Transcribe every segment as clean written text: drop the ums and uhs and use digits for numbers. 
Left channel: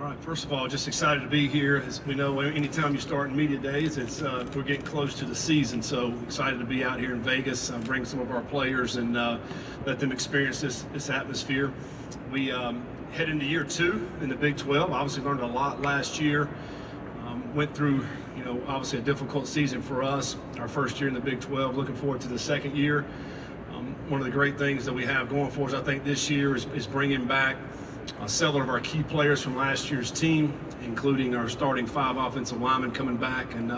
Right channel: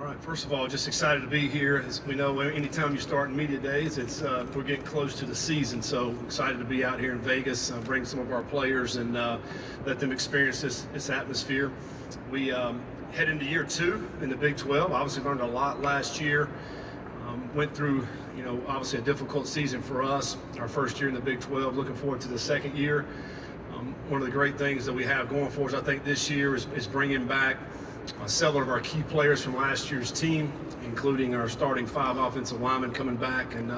All right, first of all, just excited to be here. As we know, anytime you start in media days, we're getting close to the season, so excited to be out here in Vegas, bring some of our players and let them experience this atmosphere. We head into year 2 in the Big 12. Obviously learned a lot last year. Went through, obviously a difficult season for us, our first year in the Big 12. Looking forward to the second year. One of the great things that we have going for us, I think, this year is bringing back several of our key players from last year's team, including our starting 5 offensive linemen coming back and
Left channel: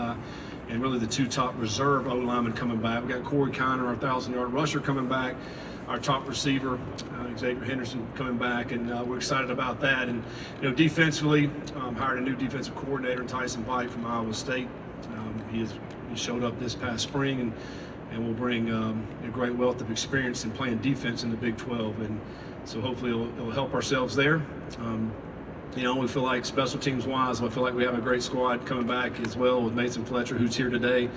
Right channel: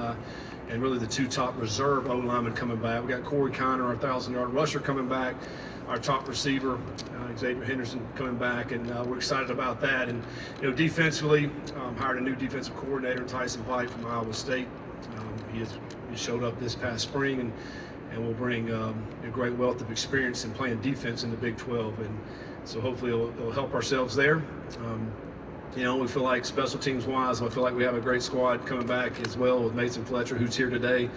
really the 2 top reserve O-linemen coming back. We got Corey Conner, our 1,000-yard rusher, coming back, our top receiver, Xavier Henderson, coming back, and we're excited about that. And defensively, hired a new defensive coordinator, Tyson White from Iowa State. He showed up this past spring and will bring a great wealth of experience in playing defense in the Big 12. And so hopefully it'll help ourselves there. We feel like special teams wise, I feel like we have a great squad coming back as well with Mason Fletcher, who's here today,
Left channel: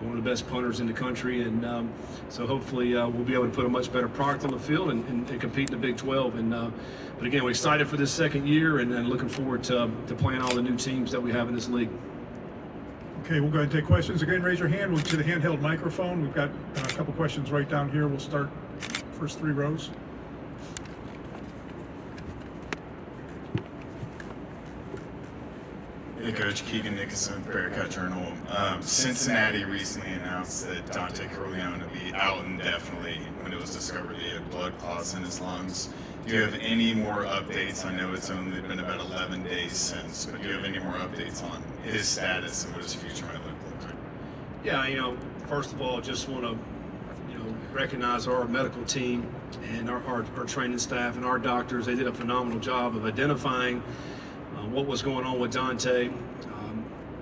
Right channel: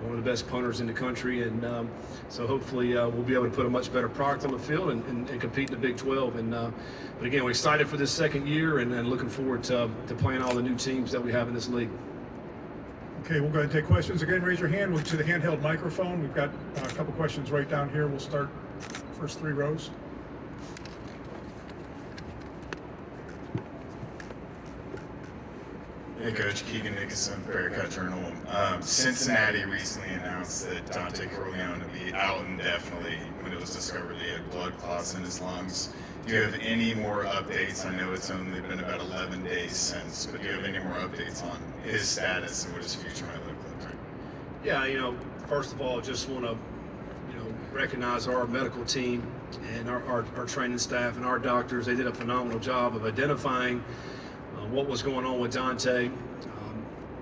one of the best punters in the country. And so hopefully we'll be able to put a much better product on the field and compete in the Big 12. But again, we're excited for this second year and looking forward to playing all the new teams that we have in this league. Okay, we'll go ahead and take questions. Again, raise your hand. We'll to the handheld microphone. We've got a couple questions right down here. We'll start first 3 rows. Hey, Coach. Keegan Nicholson, Bearcat Journal. Cincinnati recently announced that Dante Corleone would be out indefinitely when it was discovered he had blood clots in his lungs. Do you have any more updates? I know it's only been about 11 days since, but do you have any more updates on his status and what his future might look like? Yeah, first of all, just want to recognize our medical team and our training staff and our doctors. They did a phenomenal job of identifying what was going on with Dante.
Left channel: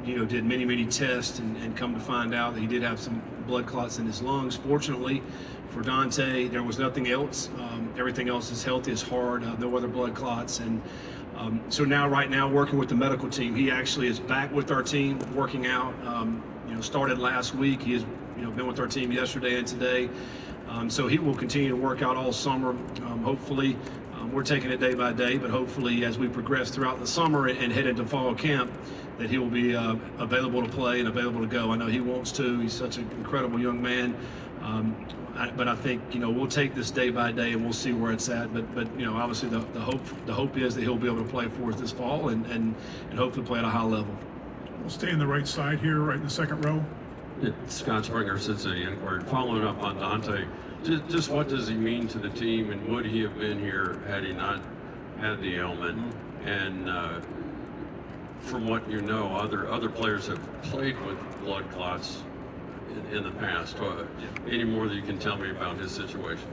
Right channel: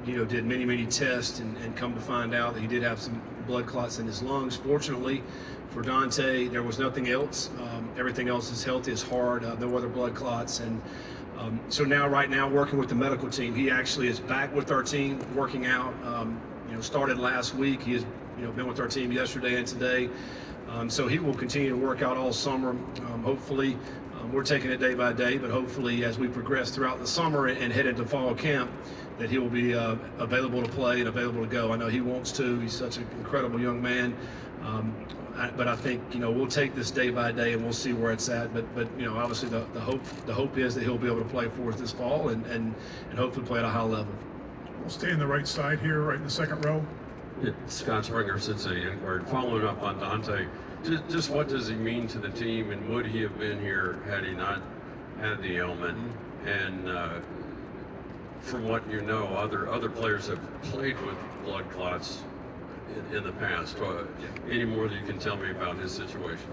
Did many tests and come to find out that he did have some blood clots in his lungs. Fortunately for Dante, there was nothing else. Everything else is healthy, it's hard, no other blood clots. And so right now, working with the medical team, he actually is back with our team, working out. Started last week. He has been with our team yesterday and today. So he will continue to work out all summer. Hopefully, we're taking it day by day, but hopefully as we progress throughout the summer and head into fall camp, that he will be available to play and available to go. I know he wants to. He's such an incredible young man. But I think we'll take this day by day and we'll see where it's at. But obviously the hope is that he'll be able to play for us this fall and hopefully play at a high level. We'll stay in the right side here, right in the second row. Scott Springer, Cincinnati Enquirer. Following up on Dante, just what does he mean to the team, and would he have been here had he not had the ailment? And from what you know, other players have played with blood clots in the past. Any more that you can tell me about his situation?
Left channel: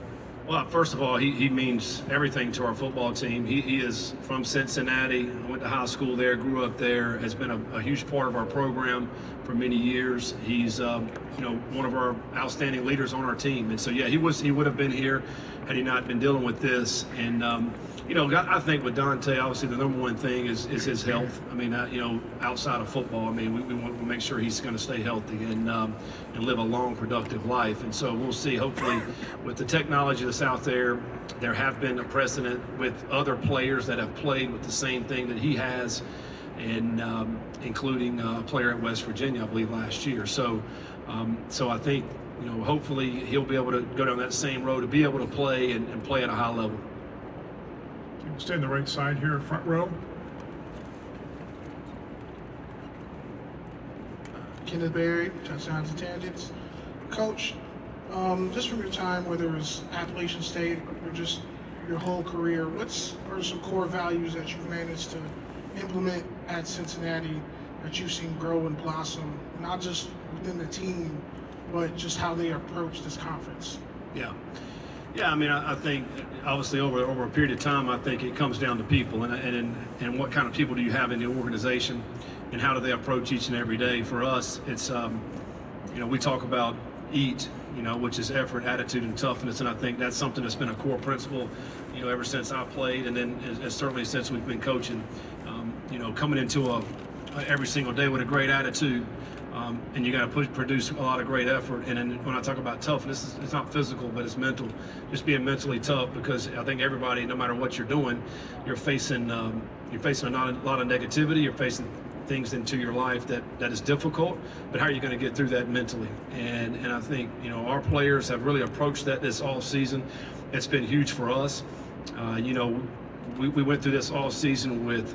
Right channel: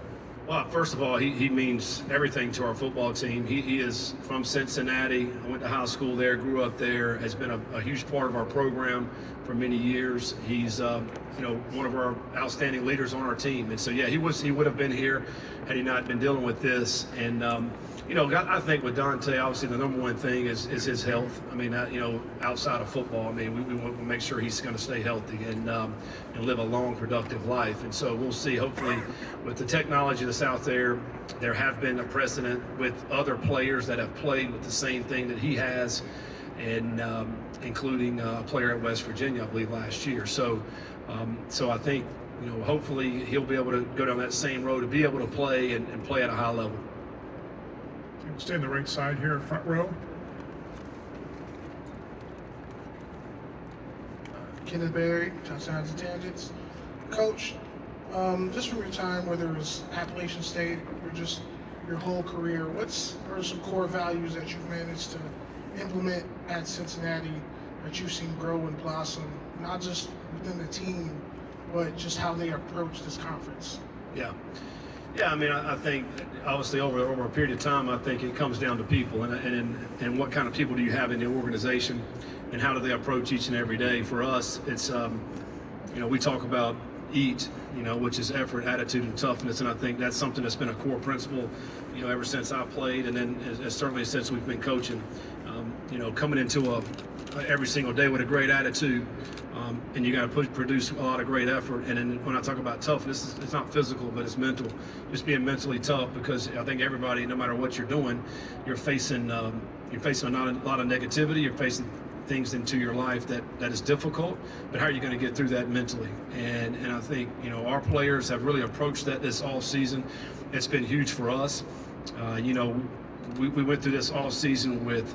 Well, first of all, he means everything to our football team. He is from Cincinnati, went to high school there, grew up there, has been a huge part of our program for many years. He's one of our outstanding leaders on our team. And so yeah, he would have been here had he not been dealing with this. And I think with Dante, obviously the number one thing is his health. I mean, outside of football, I mean, we want to make sure he's going to stay healthy and live a long, productive life. And so we'll see. Hopefully, with the technology that's out there, there have been a precedent with other players that have played with the same thing that he has, and including a player at West Virginia, I believe, last year. So I think hopefully he'll be able to go down that same road to be able to play and play at a high level. Stay in the right side here, front row. Kenneth Berry, Touchdowns and Tangents. Coach, just from your time, whether it was Appalachian State or just your whole career, what are some core values that you've managed to implement at Cincinnati that you've seen grow and blossom, not just within the team, but just how they approach this conference? Yeah, I mean, I think obviously over a period of time, I think it comes down to people and what kind of people do you have in the organization and how do they approach each and every day. For us, it's, we talk about EAT, which is effort, attitude, and toughness. And I think that's something that's been a core principle, ever since I played and then certainly since we've been coaching. Coming into every single day with a great attitude, and you got to produce a lot of great effort. And then when I talk about toughness, it's not physical, but it's mental. Just being mentally tough, because I think everybody, no matter what you're doing, you're facing a lot of negativity. You're facing things into your life that is difficult, but how are you going to get through that mentally? And I think, you know, our players have really approached that this all season. It's been huge for us. You know, we went through this all season with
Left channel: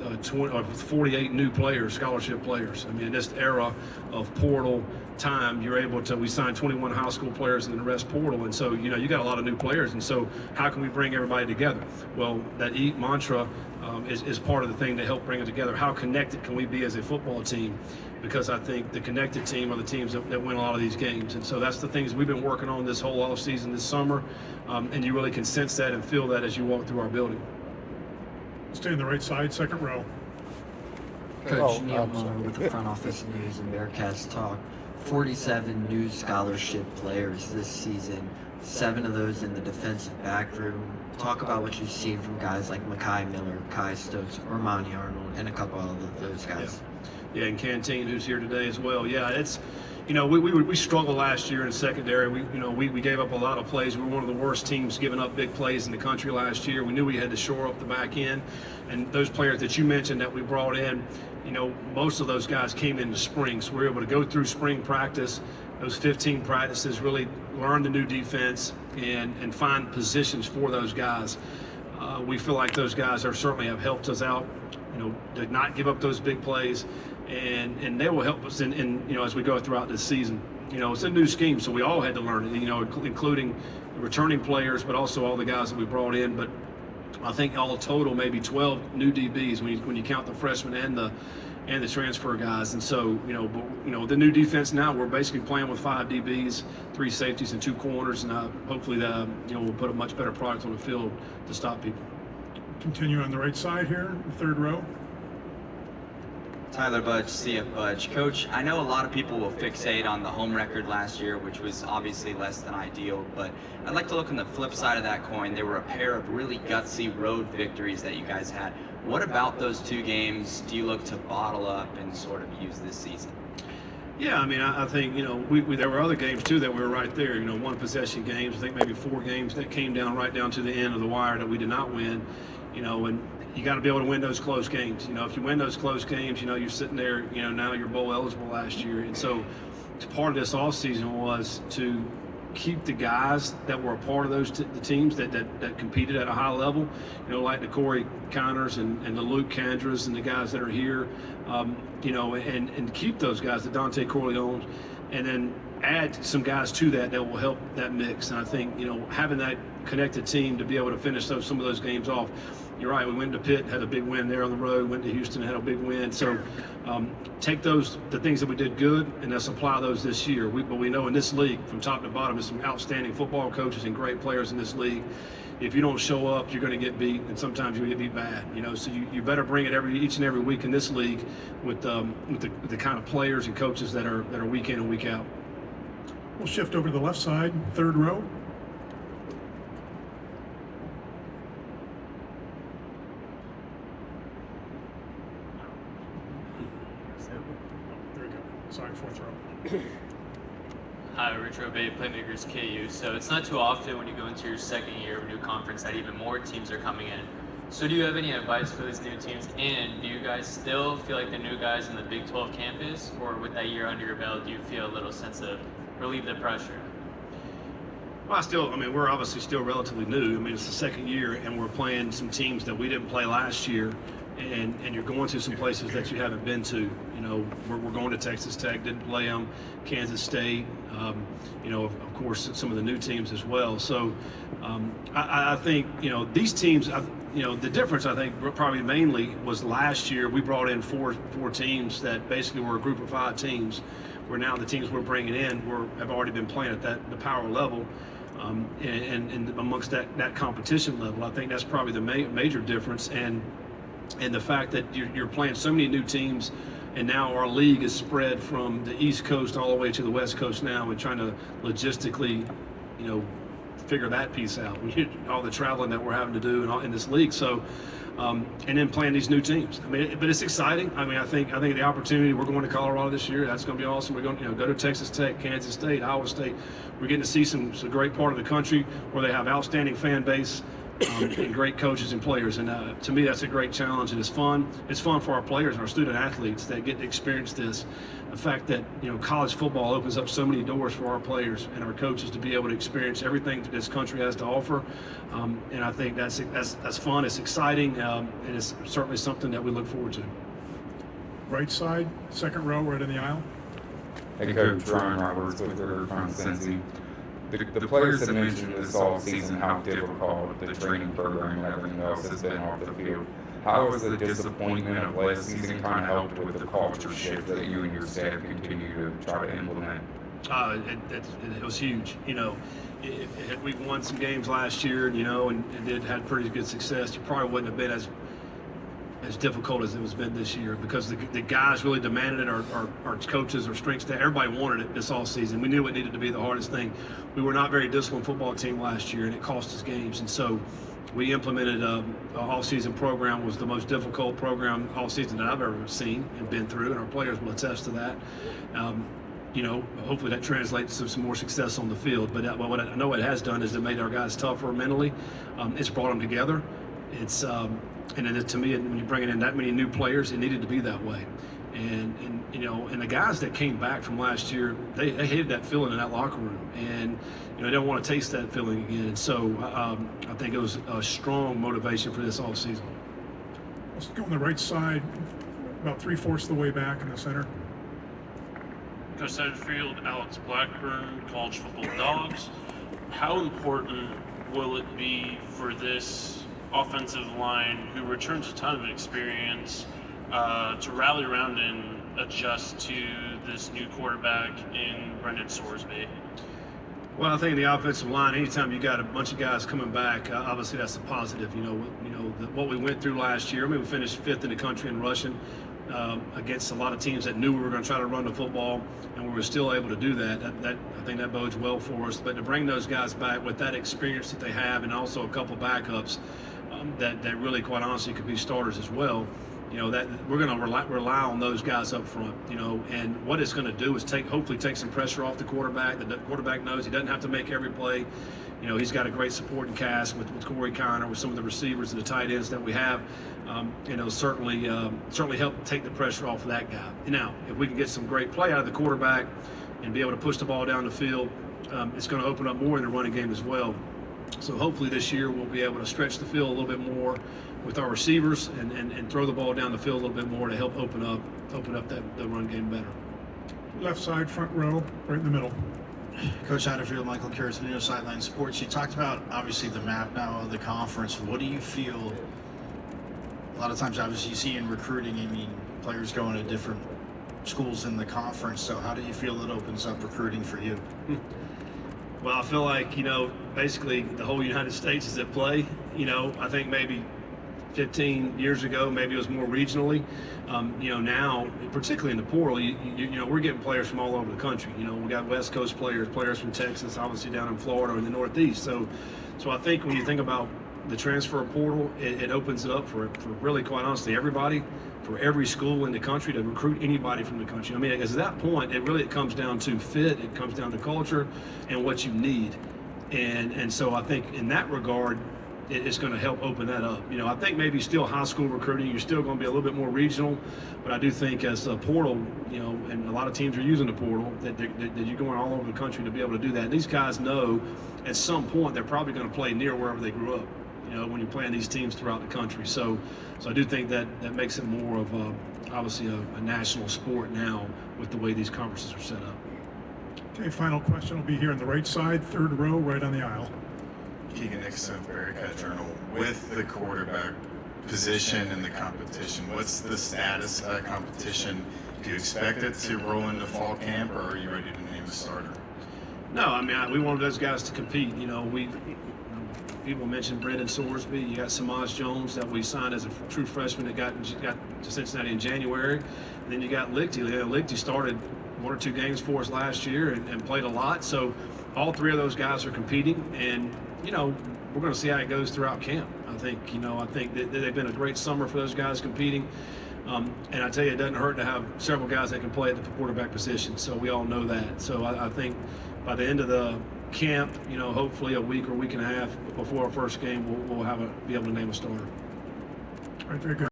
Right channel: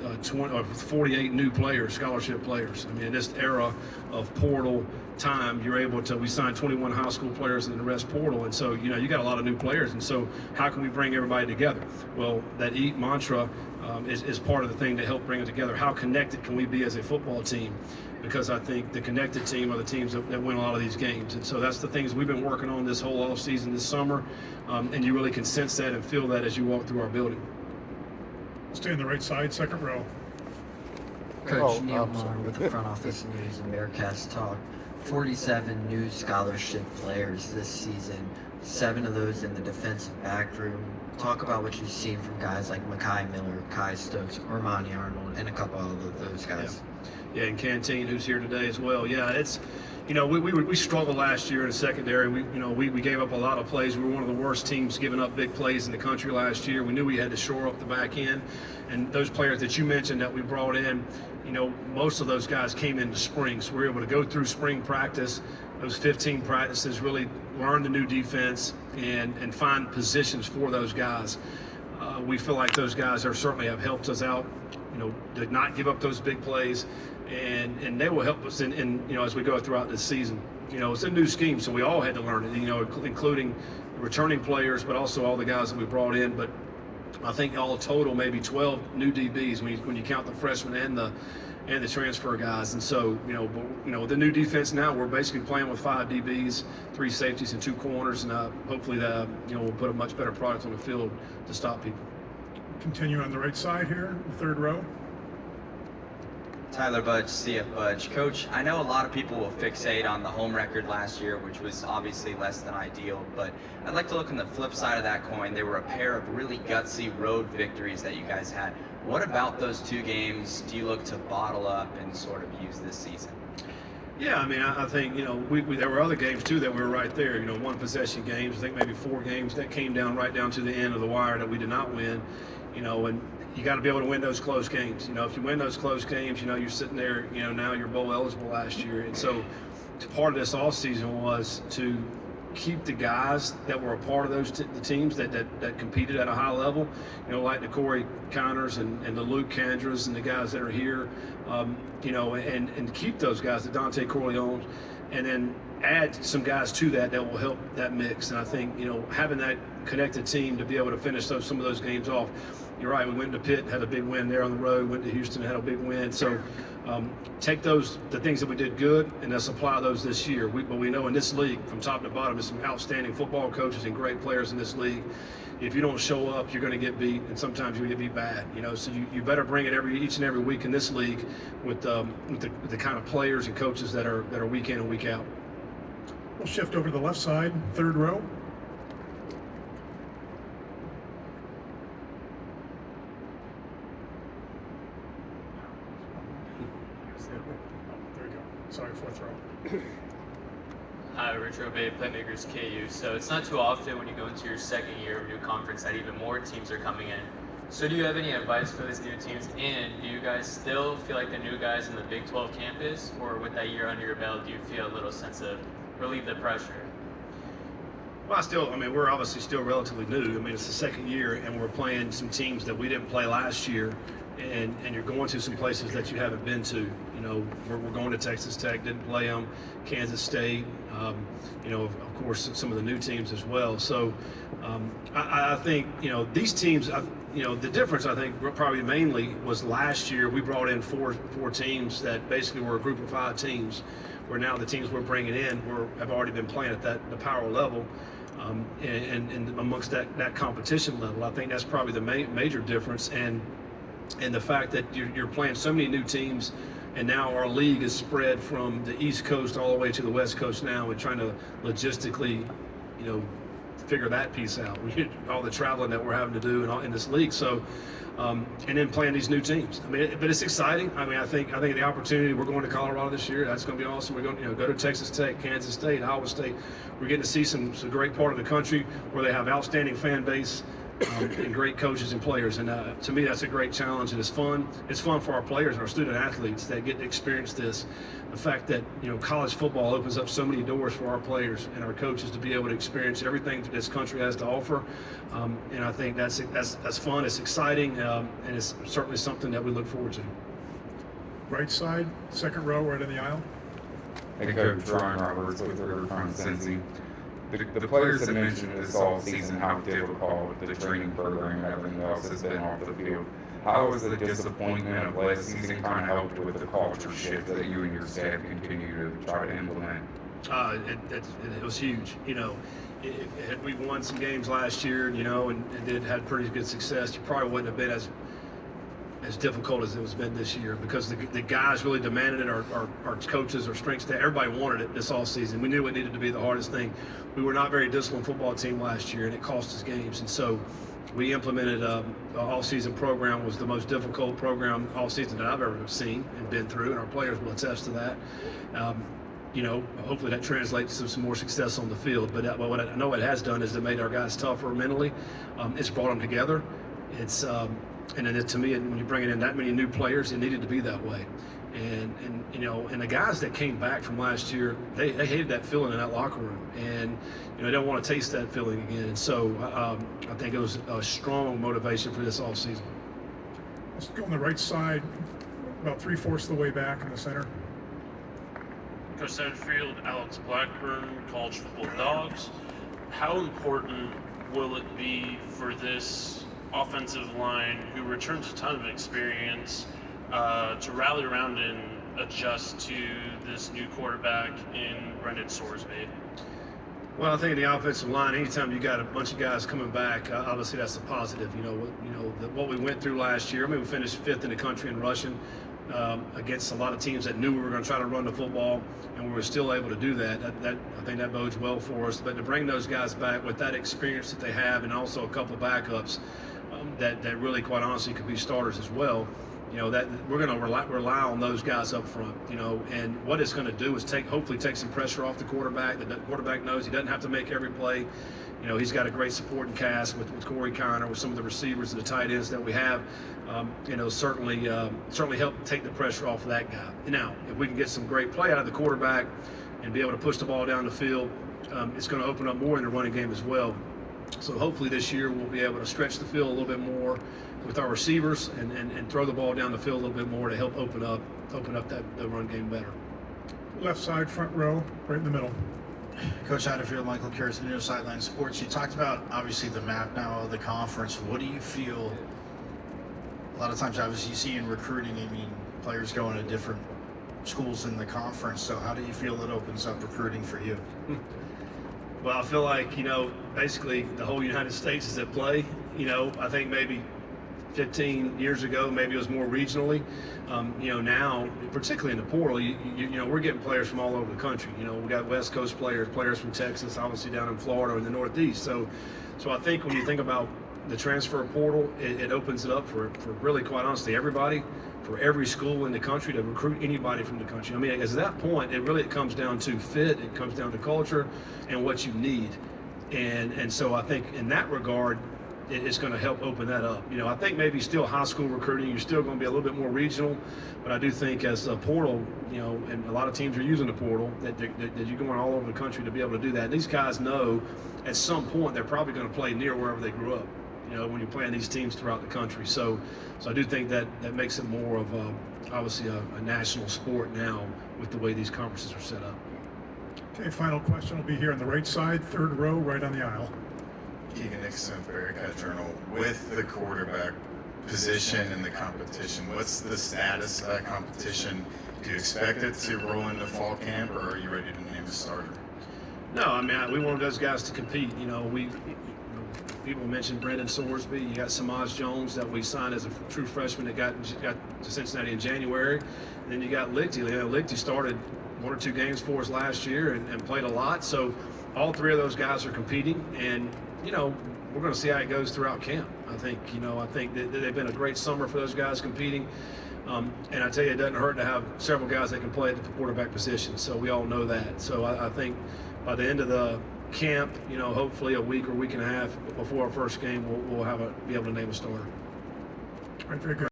48 new players, scholarship players. I mean, in this era of portal time, we signed 21 high school players in the rest portal. And so, you know, you got a lot of new players. And so how can we bring everybody together? Well, that EAT mantra is part of the thing to help bring it together. How connected can we be as a football team? Because I think the connected team are the teams that win a lot of these games. And so that's the things we've been working on this whole off season, this summer. And you really can sense that and feel that as you walk through our building. Stay on the right side, second row. Coach Neil Muller with the Front Office News and Bearcats Talk. 47 new scholarship players this season, 7 of those in the defensive back room. Talk about what you've seen from guys like Makai Miller, Kai Stokes, Ormani Arnold, and a couple of those guys. Yeah, and Canteen, who's here today as well. Yeah, it's, you know, we struggled last year in the secondary. We gave up a lot of plays. We were one of the worst teams giving up big plays in the country last year. We knew we had to shore up the back end. And those players that you mentioned that we brought in, you know, most of those guys came in the spring. So we were able to go through spring practice, those 15 practices, really learn the new defense and find positions for those guys. We feel like those guys certainly have helped us out, you know, to not give up those big plays. And they will help us in, you know, as we go throughout this season. You know, it's a new scheme, so we all had to learn it, you know, including returning players, but also all the guys that we brought in. But I think all total maybe 12 new DBs when you count the freshmen and the transfer guys. And so, you know, the new defense now, we're basically playing with 5 DBs, 3 safeties, and 2 corners, and hopefully that, you know, we'll put a much better product on the field to stop people. Continue on the right side here, third row. Tyler Budge, CF Budge. Coach, I know a lot of people will fixate on the home record last year, which was obviously less than ideal, but I'd like to look on the flip side of that coin. There were a pair of really gutsy road victories that you guys had. What about those 2 games do you look to bottle up and sort of use this season? Yeah, I mean, I think, you know, there were other games too that were right there, you know, 1 possession games. I think maybe 4 games that came down right down to the end of the wire that we did not win, you know, and you got to be able to win those close games. You know, if you win those close games, you know, you're sitting there, you know, now you're bowl eligible last year. And so part of this offseason was to keep the guys that were a part of those the teams that competed at a high level, you know, like the Corey Connors and the Luke Candras and the guys that are here, you know, and keep those guys, the Dante Corleone, and then add some guys to that will help that mix. And I think, you know, having that connected team to be able to finish some of those games off. You're right, we went to Pitt, had a big win there on the road, went to Houston, had a big win. So take the things that we did good, and let's apply those this year. But we know in this league, from top to bottom, there's some outstanding football coaches and great players in this league. If you don't show up, you're going to get beat, and sometimes you're going to get beat bad. You know, so you better bring it each and every week in this league with the kind of players and coaches that are week in and week out. We'll shift over to the left side, third row. There we go. Sorry, fourth row. Hi, Rich Robey, Playmakers KU. So it's not too often when you go into your second year of a new conference that even more teams are coming in. So do you have any advice for these new teams? And do you guys still feel like the new guys in the Big 12 campus, or with that year under your belt, do you feel a little sense of relieve the pressure? Well, I mean, we're obviously still relatively new. I mean, it's the second year, and we're playing some teams that we didn't play last year, and you're going to some places that you haven't been to. You know, we're going to Texas Tech, didn't play them, Kansas State, you know, of course, some of the new teams as well. So I think, you know, these teams, you know, the difference, I think, probably mainly was last year we brought in four teams that basically were a group of 5 teams, where now the teams we're bringing in have already been playing at the power level. And amongst that competition level, I think that's probably the major difference, and the fact that you're playing so many new teams, and now our league is spread from the East Coast all the way to the West Coast now, and trying to logistically, you know, figure that piece out. All the traveling that we're having to do in this league. So, and then playing these new teams. I mean, but it's exciting. I mean, I think the opportunity. We're going to Colorado this year. That's going to be awesome. We're going to go to Texas Tech, Kansas State, Iowa State. We're getting to see some great part of the country where they have outstanding fan base. And great coaches and players, and to me that's a great challenge, and it's fun. It's fun for our players and our student athletes that get to experience this. The fact that college football opens up so many doors for our players and our coaches to be able to experience everything that this country has to offer, and I think that's fun. It's exciting, and it's certainly something that we look forward to. Right side, second row, right in the aisle. Hey, Coach Ryan Roberts with River from Cincy. The players have mentioned this all season how difficult the training program and everything else has been off the field. How has the disappointment of last season kind of helped with the culture shift that you and your staff continue to try to implement? It was huge. We won some games last year, and had pretty good success. You probably wouldn't have been as difficult as it has been this year because the guys really demanded it. Our coaches, our strength staff, everybody wanted it this offseason. We knew it needed to be the hardest thing. We were not a very disciplined football team last year, and it cost us games. And so we implemented a all-season program. Was the most difficult program all season that I've ever seen and been through, and our players will attest to that. Hopefully that translates to some more success on the field. But what I know it has done is it made our guys tougher mentally. It's brought them together. It's and then to me, when you bring in that many new players, it needed to be that way. And the guys that came back from last year, they hated that feeling in that locker room, and they don't want to taste that feeling again. And so I think it was a strong motivation for this offseason. Let's go on the right side, about 3/4 of the way back in the center. Coach Satterfield, Alex Blackburn, College Football Dogs. How important will it be for this offensive line, who returns a ton of experience, to rally around and adjust to this new quarterback in Brendan Sorsby? Well, I think in the offensive line, anytime you got a bunch of guys coming back, obviously that's a positive. What we went through last year. I mean, we finished 5th in the country in rushing against a lot of teams that knew we were going to try to run the football, and we were still able to do that. I think that bodes well for us. But to bring those guys back with that experience that they have, and also a couple backups that really, quite honestly, could be starters as well. That we're going to rely on those guys up front, and what it's going to do is hopefully take some pressure off the quarterback. The quarterback knows he doesn't have to make every play. He's got a great supporting cast with Corey Connor, with some of the receivers and the tight ends that we have. Certainly help take the pressure off of that guy. Now, if we can get some great play out of the quarterback and be able to push the ball down the field, it's going to open up more in the running game as well. So hopefully this year we'll be able to stretch the field a little bit more with our receivers and throw the ball down the field a little bit more to help open up the run game better. Left side, front row, right in the middle. Coach Satterfield, Michael Karras, New Sideline Sports. You talked about obviously the map now of the conference. What do you feel? A lot of times, obviously, you see in recruiting, players going to different schools in the conference. So how do you feel it opens up recruiting for you? Well, I feel like, basically the whole United States is at play. I think maybe 15 years ago, maybe it was more regionally. Now, particularly in the portal, we're getting players from all over the country. We got West Coast players from Texas, obviously down in Florida or in the Northeast. So I think when you think about the transfer portal, it opens it up for really, quite honestly, everybody, for every school in the country to recruit anybody from the country. At that point, it comes down to fit, it comes down to culture and what you need. And so I think in that regard, it's going to help open that up. I think maybe still high school recruiting, you're still going to be a little bit more regional, but I do think as a portal, and a lot of teams are using the portal, that you're going all over the country to be able to do that. And these guys know at some point they're probably going to play near wherever they grew up, when you're playing these teams throughout the country. So I do think that makes it more of obviously a national sport now with the way these conferences are set up. Okay, final question will be here on the right side, third row, right on the aisle. Keegan Nixon, Bearcat Journal. With the quarterback position and the competition, what's the status of that competition? Do you expect it to roll into fall camp, or are you ready to name a starter? No, we want those guys to compete. People mentioned Brendan Sorsby. You got Samaj Jones that we signed as a true freshman that got to Cincinnati in January. And then you got Lichty. Lichty started 1 or 2 games for us last year and played a lot. So all three of those guys are competing, and we're going to see how it goes throughout camp. I think that they've been a great summer for those guys competing. And I tell you, it doesn't hurt to have several guys that can play at the quarterback position. So we all know that. So I think by the end of the camp, hopefully a week or week and a half before our first game, we'll be able to name a starter. All right, very good.